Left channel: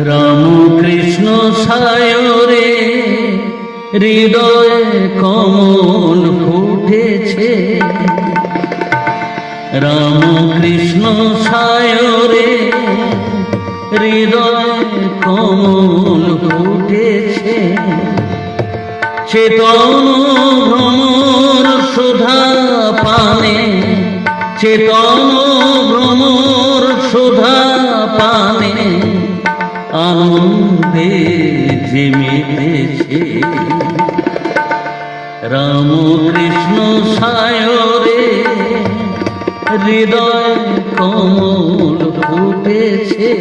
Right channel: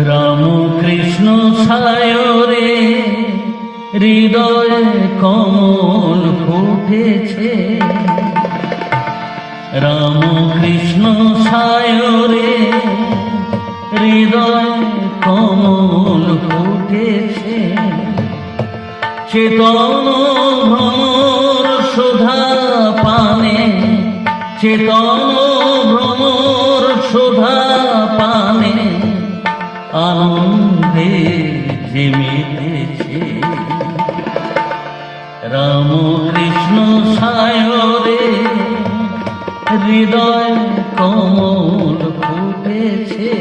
রাম কৃষ্ণ সায়রে হৃদয় কমল ফুটেছে। রাম কৃষ্ণ সায়রে হৃদয় কমল ফুটেছে। চেতন ভ্রমর সুধা পানে, চেতন ভ্রমর সুধা পানে আনন্দে জেমেতেছে। রাম কৃষ্ণ সায়রে হৃদয় কমল ফুটেছে।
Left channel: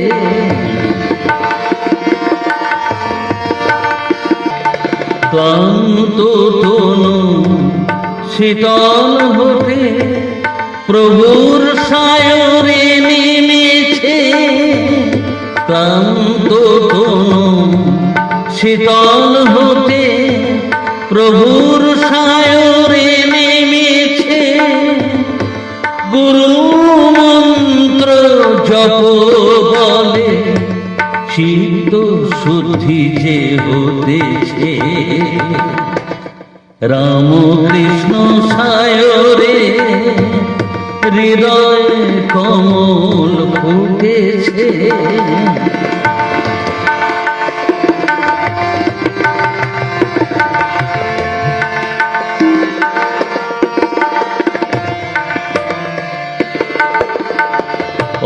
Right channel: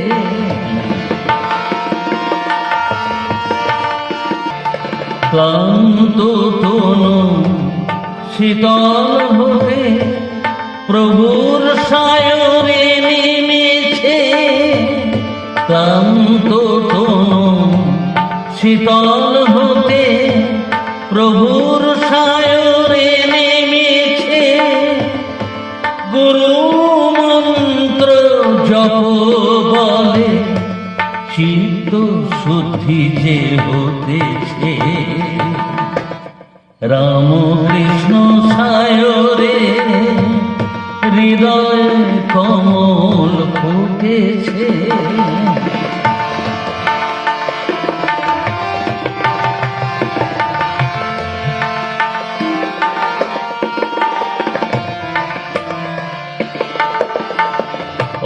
ক্লান্ত তনু শীতল হতে প্রভুর সায়রে নেমেছে। ক্লান্ত তনু শীতল হতে প্রভুর সায়রে নেমেছে। গুরু মন্ত্র জপ বলে চিত্ত শুদ্ধি যে হতেছে। রাম কৃষ্ণ সায়রে হৃদয় কমল ফুটেছে।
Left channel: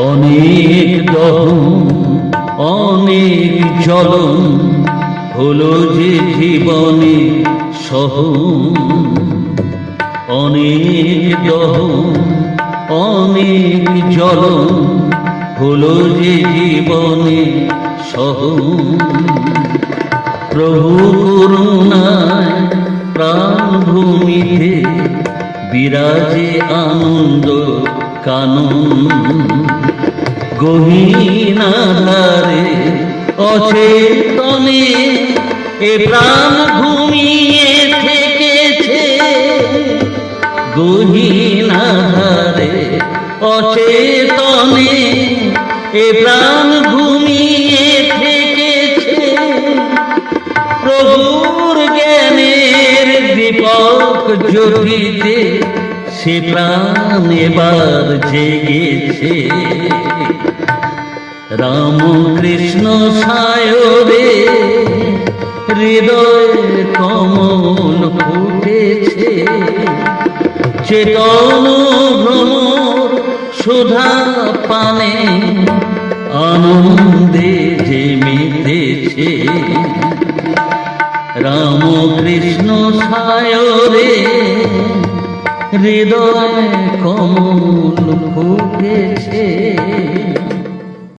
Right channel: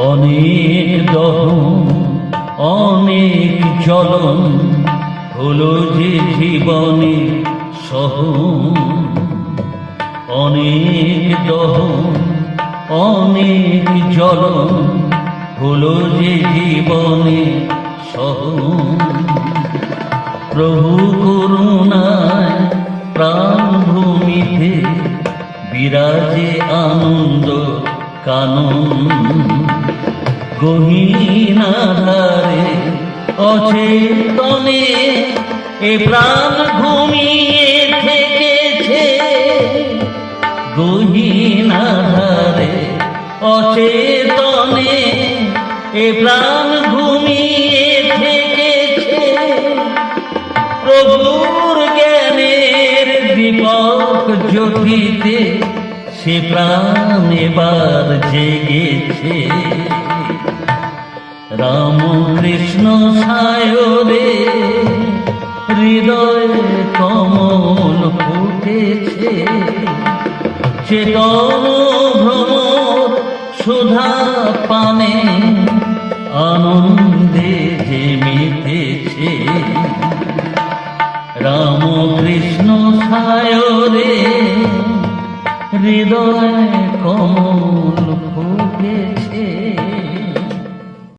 অনেক দহন অনেক জ্বলন হলো যে জীবনে সহন। অনেক দহন অনেক জ্বলন হলো যে জীবনে সহন। প্রভু করুণায় প্রাণভূমিতে বিরাজে আনন্দ কানন। গহীন আধারে অচেতনে এ প্রাণ ঘুমিয়ে থেকেছে। গহীন আধারে অচেতনে এ প্রাণ ঘুমিয়ে থেকেছে। প্রভুর জ্ঞানের দীপক জ্যোতিতে সে প্রাণ এবার জেগেছে। রাম কৃষ্ণ সায়রে হৃদয় কমল ফুটেছে। চেতন ভ্রমর সুধা পানে আনন্দে জেমেতেছে। রাম কৃষ্ণ সায়রে হৃদয় কমল ফুটেছে।